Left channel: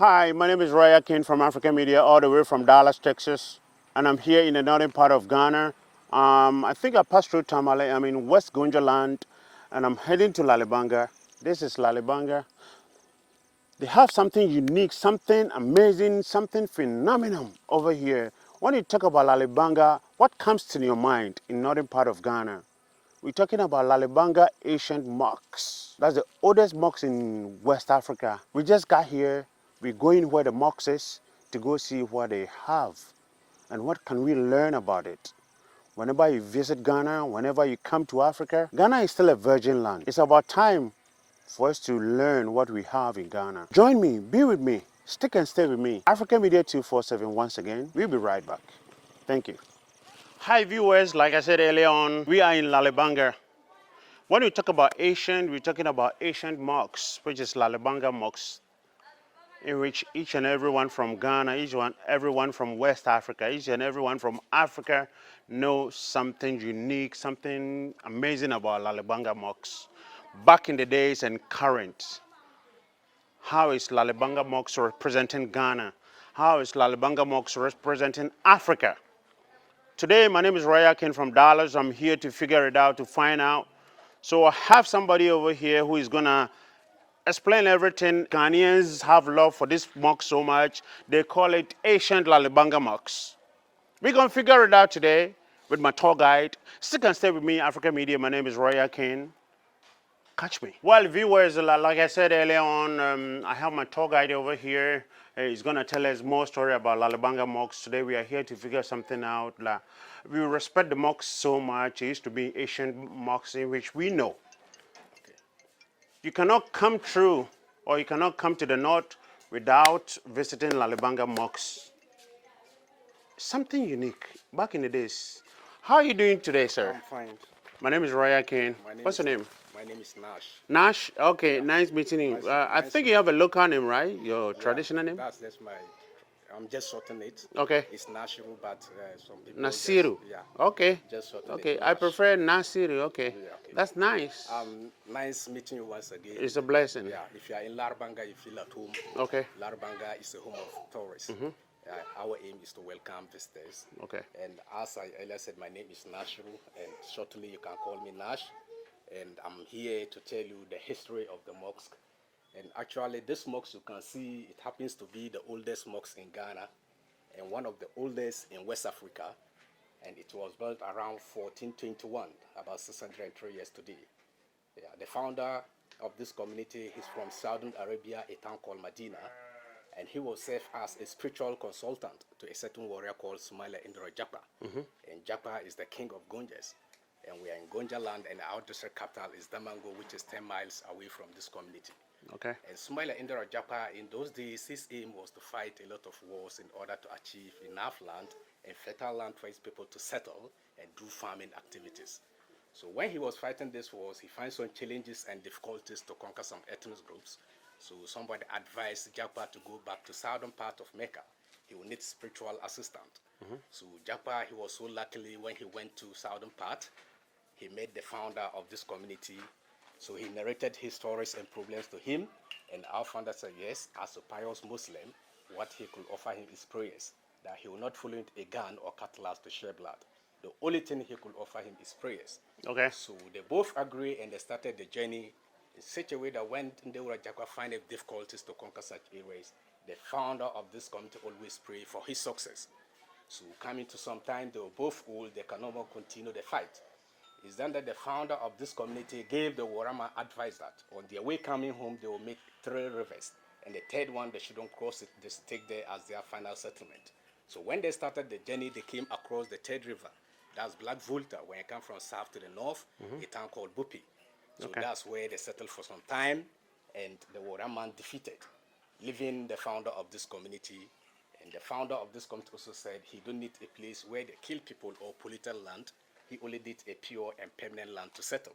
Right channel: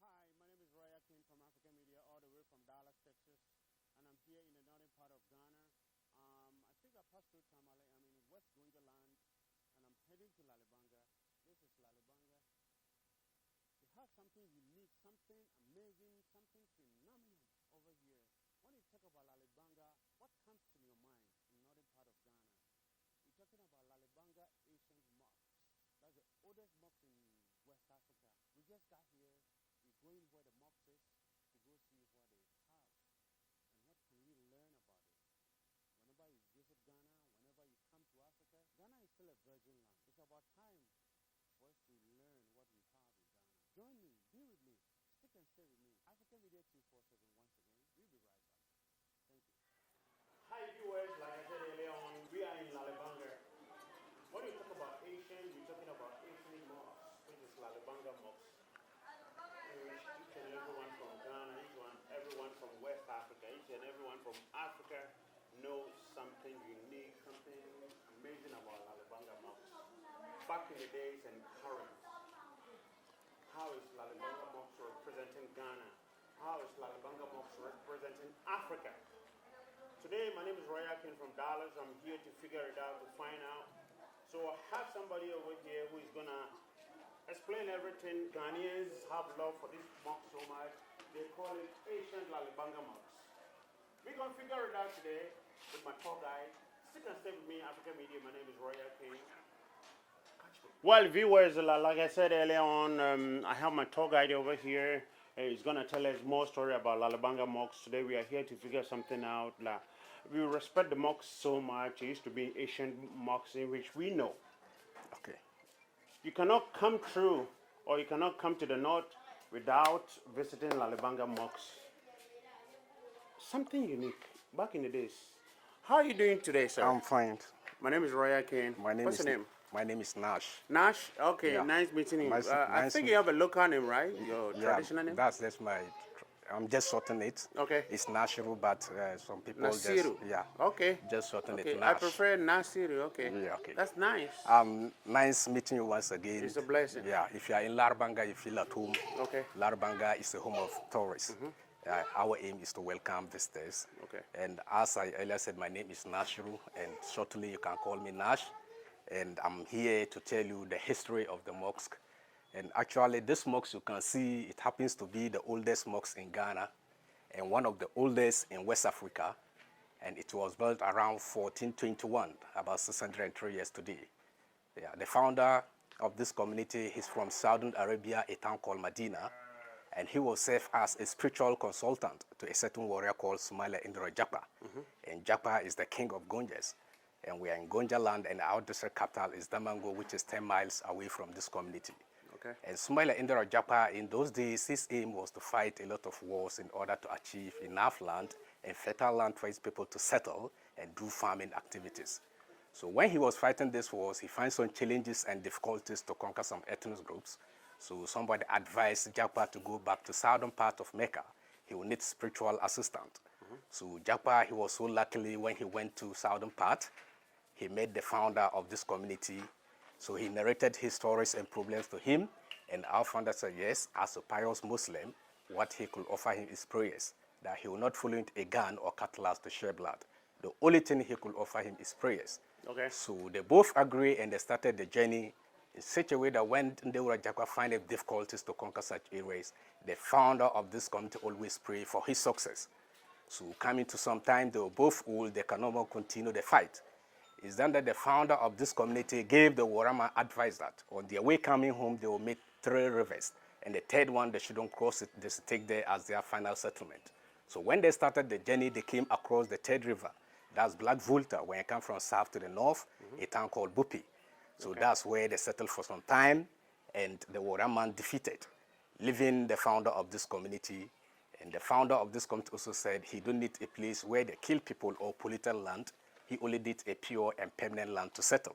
Hi, my name is Roy Akin from African Media, all the way from Dallas, Texas, and I'm here in the northern part of Ghana. I think I passed through Tamale. I'm in West Gonja land, and I'm heading to Laribanga. This is Laribanga. They have something unique, something amazing, something phenomenal over here. When you talk about Laribanga, what comes to your mind in northern part of Ghana? We're talking about Laribanga ancient mosques. That's the oldest mosque in West Africa. We just got here. We're going where the mosque is to go see what they have and what can we learn about it. Whenever you visit Ghana, whenever you come to Africa, Ghana is still a virgin land. It's about time for us to learn what we have in Ghana. Join me, be with me, stick and stay with me. African Media 247 once again. We'll be right back. Thank you. Hi viewers, like I said earlier on, we are in Laribanga. When we talk about ancient, we're talking about ancient mosques, which is Larabanga Mosque, in which each and everyone from Ghana, everyone from West Africa, each and everyone from Africa knows something unique, something amazing about Larabanga Mosque. Back in the days and current, how is Larabanga Mosque representing Ghana? How is Larabanga Mosque representing Africa? Today, my name is Roy Akin from Dallas. I'm here to figure it out, to find out. So I have somebody over here who is gonna explain everything. Ghanaians have love for this mosque so much, they call it ancient Laribanga Mosque. We're gonna figure it out today with my tour guide. Stick and stay with me, African Media. My name is Roy Akin. Catch me. Well, viewers, like I said earlier on, I have my tour guide over here. He's gonna tell us more story about Laribanga Mosque. Today we are here to figure something out. We respect the mosque so much. It used to be ancient mosque in which we know. Okay. You cannot come through, or you cannot come to the north without visiting Laribanga Mosque. Something unique back in the days. How are you doing today, sir? I'm fine. My name is Roy Akin. What's your name? My name is Nash. Nash? Okay, Yeah. nice meeting you. I Nice think you have a local name, right? Your Yeah, traditional name? That's my. I'm just shortening it. Okay. It's Nashiru, but some people Nasiru. Just, yeah. Okay. Just shorten Okay, it. I Nash. prefer Nasiru. Okay. Yeah, okay. That's nice. Nice meeting you once again. It's a blessing. Yeah. If you are in Larabanga, you feel at home. Okay. Larabanga is the home of tourists. Our aim is to welcome visitors. Okay. And as I earlier said, my name is Nashiru, and shortly you can call me Nash. And I'm here to tell you the history of the mosque. And actually, this mosque, you can see, it happens to be the oldest mosque in Ghana and one of the oldest in West Africa. And it was built around 1421, about 603 years today. Yeah, the founder of this community is from Saudi Arabia, a town called Medina. And he was served as a spiritual consultant to a certain warrior called Sumaila Indra Japa. And Japa is the king of Gonjas. And we are in Gonja land, and our district capital is Damango, which is 10 miles away from this community. Okay. And Sumaila Indra Japa, in those days, his aim was to fight a lot of wars in order to achieve enough land and fertile land for his people to settle and do farming activities. So when he was fighting these wars, he found some challenges and difficulties to conquer some ethnic groups. So somebody advised Japa to go back to southern part of Mecca. He will need spiritual assistant. So Japa, he was so luckily when he went to southern part, he met the founder of this community. So he narrated his stories and problems to him. And our founder said, yes, as a pious Muslim, what he could offer him is prayers, that he will not follow a gun or cutlass to shed blood. The only thing he could offer him is prayers. Okay. So they both agree, and they started the journey in such a way that when Ndewura Jakwa find difficulties to conquer such areas, the founder of this community always pray for his success. So coming to some time, they were both old, they can no more continue the fight. It's then that the founder of this community gave the Warama advice that on their way coming home, they will make 3 rivers. And the third one, they shouldn't cross it, they should take there as their final settlement. So when they started the journey, they came across the third river. That's Black Volta, when you come from south to the north, a town called Bupi. So that's where they settled for some time, and the Waraman defeated, leaving the founder of this community. And the founder of this community also said he don't need a place where they kill people or polluted land. He only did a pure and permanent land to settle.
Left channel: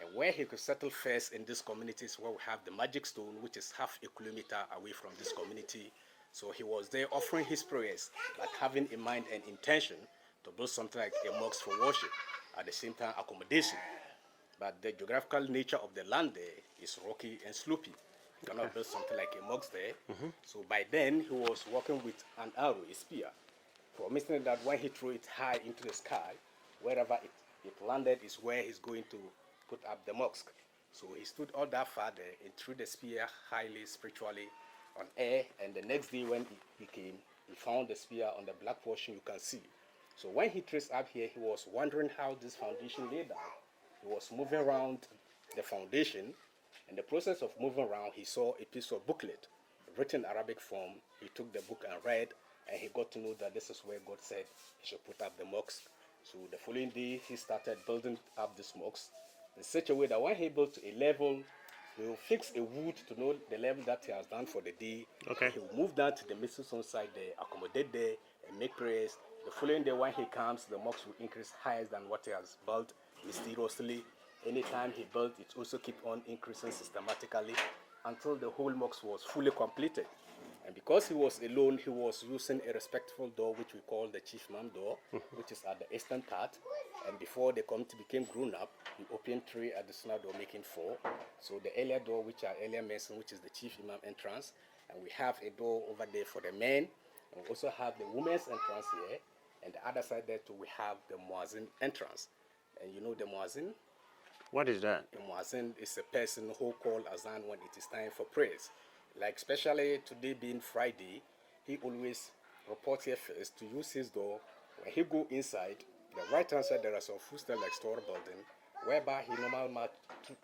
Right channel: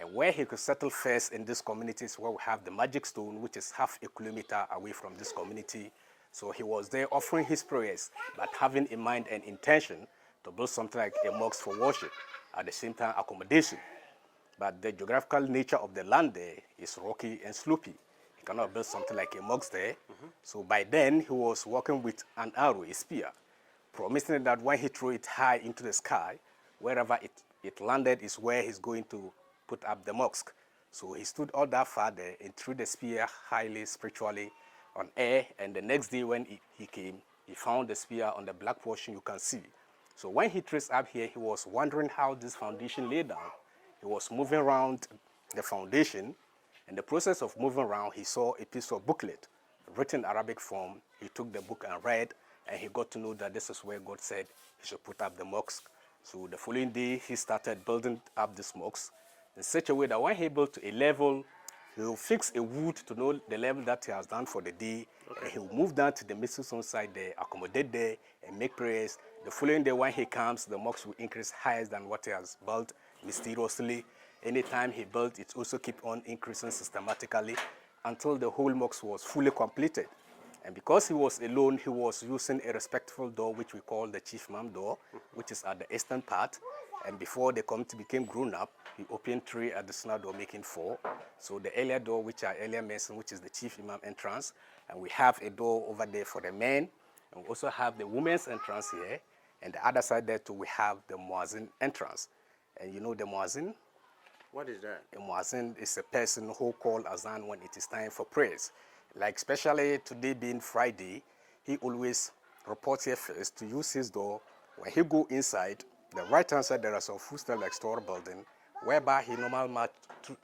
And where he could settle first in this community is where we have the magic stone, which is half a kilometer away from this community. So he was there offering his prayers, but having in mind and intention to build something like a mosque for worship, at the same time accommodation. But the geographical nature of the land there is rocky and slopey. cannot build something like a mosque there. So by then, he was working with an arrow, a spear, promising that when he threw it high into the sky, wherever it landed is where he's going to put up the mosque. So he stood all that far there and threw the spear highly spiritually on air. And the next day when he came, he found the spear on the black portion you can see. So when he traced up here, he was wondering how this foundation lay down. He was moving around the foundation. In the process of moving around, he saw a piece of booklet written Arabic form. He took the book and read, and he got to know that this is where God said he should put up the mosque. So the following day, he started building up this mosque in such a way that when he built to a level, he will fix a wood to know the level that he has done for the day. Okay. And he will move down to the Muslim side there, accommodate there, and make prayers. The following day, when he comes, the mosque will increase higher than what he has built mysteriously. Anytime he built, it also keep on increasing systematically until the whole mosque was fully completed. And because he was alone, he was using a respectful door, which we call the chief imam door, which is at the eastern part. And before the community became grown up, he opened 3 additional doors, making 4. So the earlier door, which I earlier mentioned, which is the chief imam entrance, and we have a door over there for the men, and we also have the women's entrance here. And the other side there too, we have the muazzin entrance. And you know the muazzin? What is that? A muazzin is a person who calls azan when it is time for prayers. Like especially today being Friday, he always reports here first to use his door. When he go inside, the right hand side there is a footstep like store building, whereby he normally march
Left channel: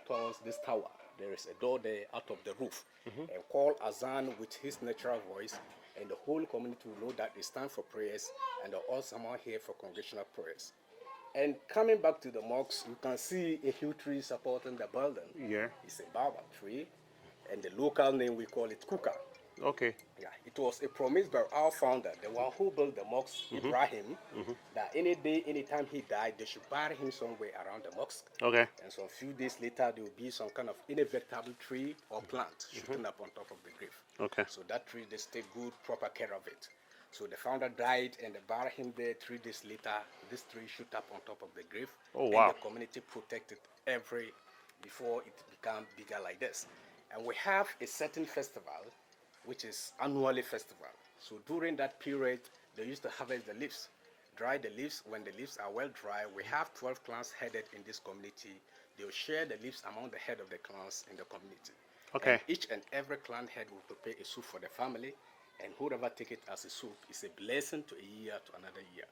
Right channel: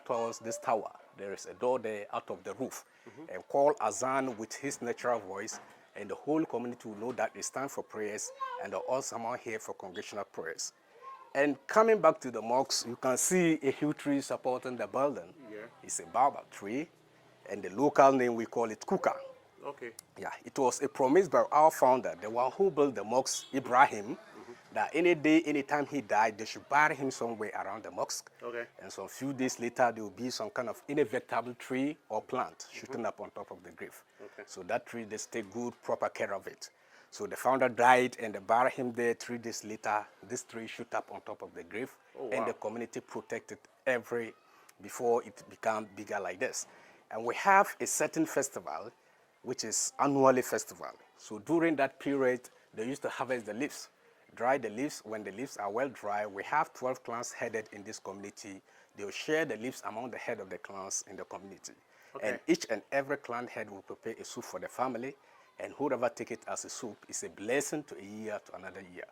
towards this tower. There is a door there out of the roof, and call azan with his natural voice, and the whole community will know that it's time for prayers, and they're all someone here for congregational prayers. And coming back to the mosque, you can see a huge tree supporting the building. Yeah. It's a baobab tree, and the local name we call it kuka. Okay. Yeah, it was a promise by our founder, the one who built the mosque, Ibrahim, that any day, anytime he died, they should bury him somewhere around the mosque. Okay. And so a few days later, there will be some kind of inevitable tree or plant shooting up on top of the grave. Okay. So that tree, they take good, proper care of it. So the founder died and they buried him there. 3 days later, this tree shoot up on top of the grave. Oh, And wow. the community protected before it became bigger like this. And we have a certain festival, which is annually festival. So during that period, they used to harvest the leaves, dry the leaves. When the leaves are well dry, we have 12 clans headed in this community. They'll share the leaves among the head of the clans in the community. Okay. And each and every clan head will prepare a soup for the family, and whoever take it as a soup is a blessing to a year to another year.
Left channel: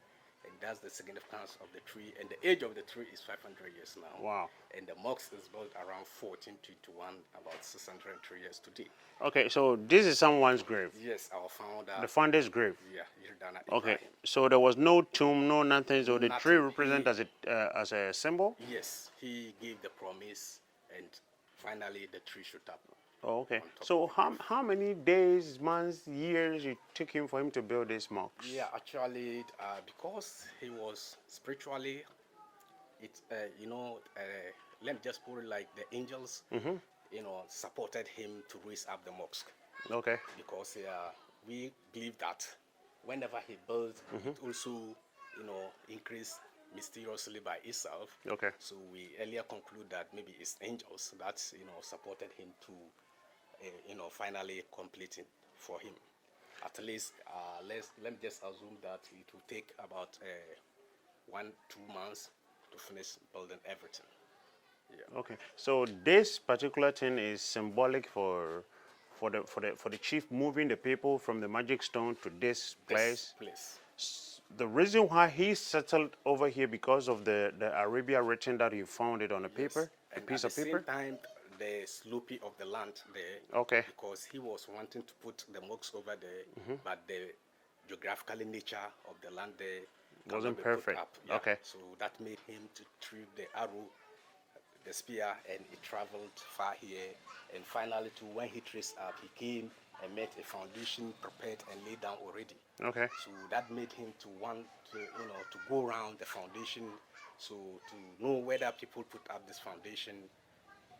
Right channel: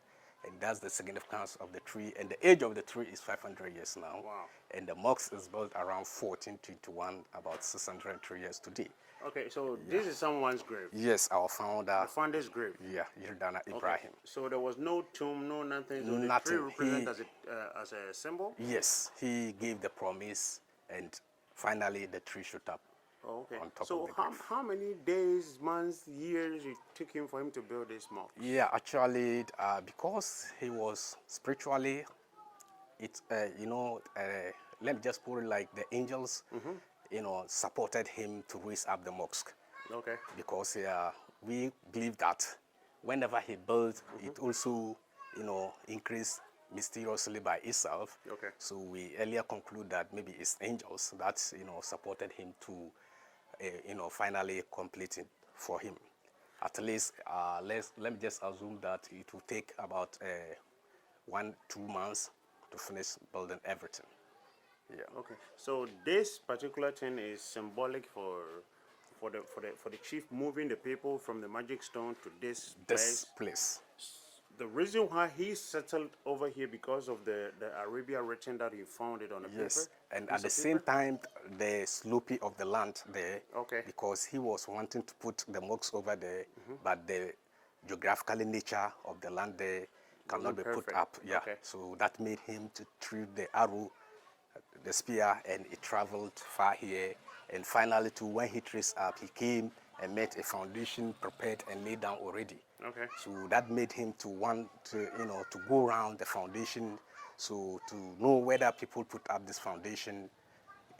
And that's the significance of the tree. And the age of the tree is 500 years now. Wow. And the mosque is built around 1421, about 603 years today. Okay, so this is someone's grave. Yes, our founder. The founder's grave. Yeah, Yildana Okay. Ibrahim. So there was no tomb, no nothing. So the tree Nothing. represents as a symbol. Yes, he gave the promise, and finally the tree shot up. Oh, okay. On top So of the grave. how many days, months, years it took him for him to build this mosque? Yeah, actually, because he was spiritually, let me just put it like the angels, supported him to raise up the mosque. Okay. Because we believe that whenever he built, it also, increased mysteriously by itself. Okay. So we earlier conclude that maybe it's angels that, supported him to, finally complete it for him. At least, let me just assume that it will take about 1-2 months to finish building everything. Yeah. Okay. So this particular thing is symbolic for the chief moving the people from the magic stone to this This place. place. The reason why he settled over here because of the Arabia written that he found it on the Yes. paper. a And piece at the of same paper? time, the sloping of the land there. Okay. Because he was wanting to put the mosque over there, but the geographical nature of the land there cannot Wasn't be perfect. put up. Yeah. Okay. So that made him to treat the arrow, the spear, and it traveled far here. And finally, to when he traced up, he came and met a foundation prepared and laid down already. Okay. So that made him to want to, to go around the foundation, so to know whether people put up this foundation.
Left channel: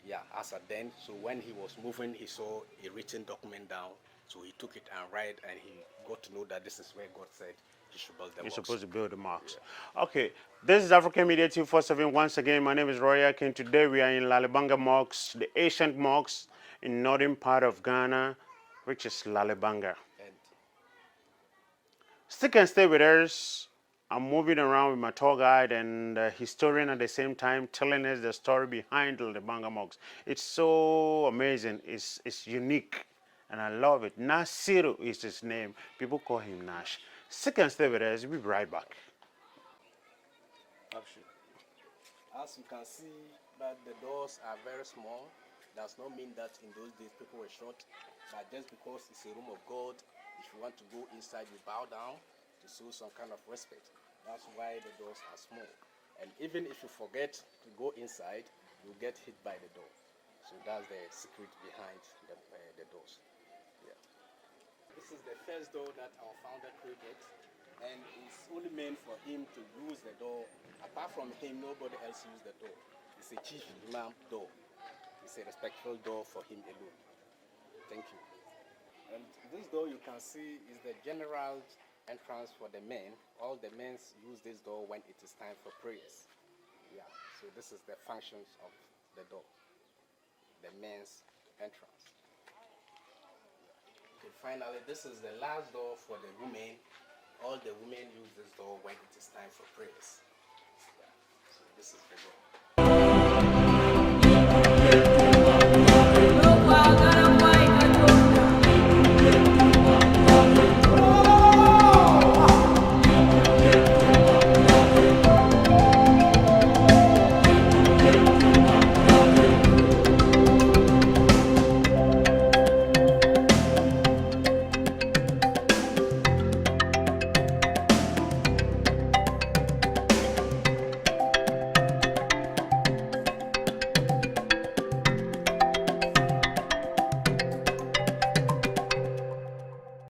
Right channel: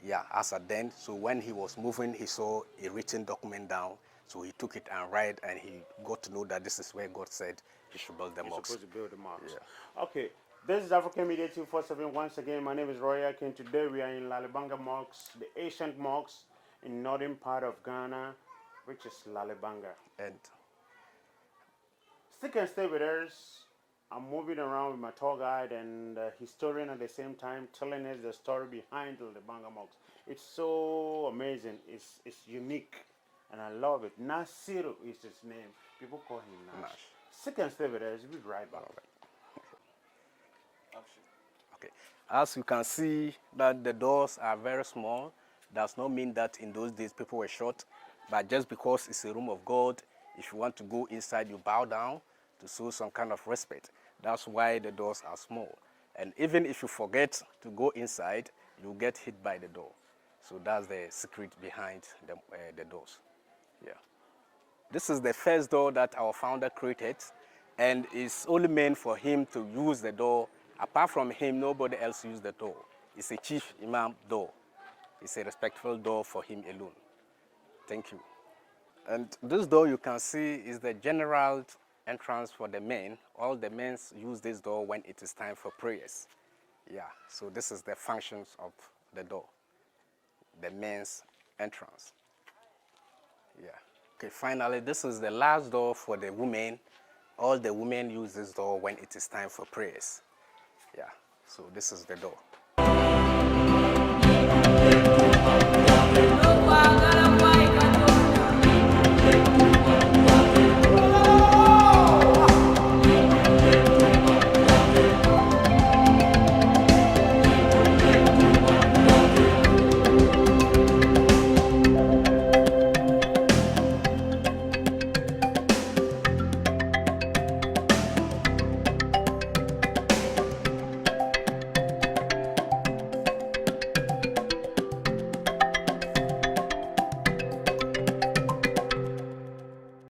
Yeah, as at then. So when he was moving, he saw a written document down. So he took it and read, and he got to know that this is where God said he should build the You're mosque. supposed to build the mosque. Okay. This is African Media 247. Once again, my name is Roy Akin. Today we are in Laribanga Mosque, the ancient mosque. in northern part of Ghana, which is Laribanga. And Stick and stay with us. I'm moving around with my tour guide and historian at the same time, telling us the story behind the Laribanga Mosque. It's so amazing. It's unique, and I love it. Nasiru is his name. People call him Nash. Stick and stay with us. We'll be right back. okay, as you can see that the doors are very small, does not mean that in those days people were short, but just because it's a room of God, if you want to go inside, you bow down to show some kind of respect. That's why the doors are small. And even if you forget to go inside, you'll get hit by the door. So that's the secret behind the doors. Yeah. This is the first door that our founder created, and it's only meant for him to use the door. Apart from him, nobody else uses the door. It's a chief imam door. It's a respectful door for him alone. Thank you. And this door you can see is the general entrance for the men. All the men use this door when it is time for prayers. Yeah, so this is the functions of the door, the men's entrance. Yeah. Okay, finally, this is the last door for the women. All the women use this door when it is time for prayers. Yeah, so this is the door.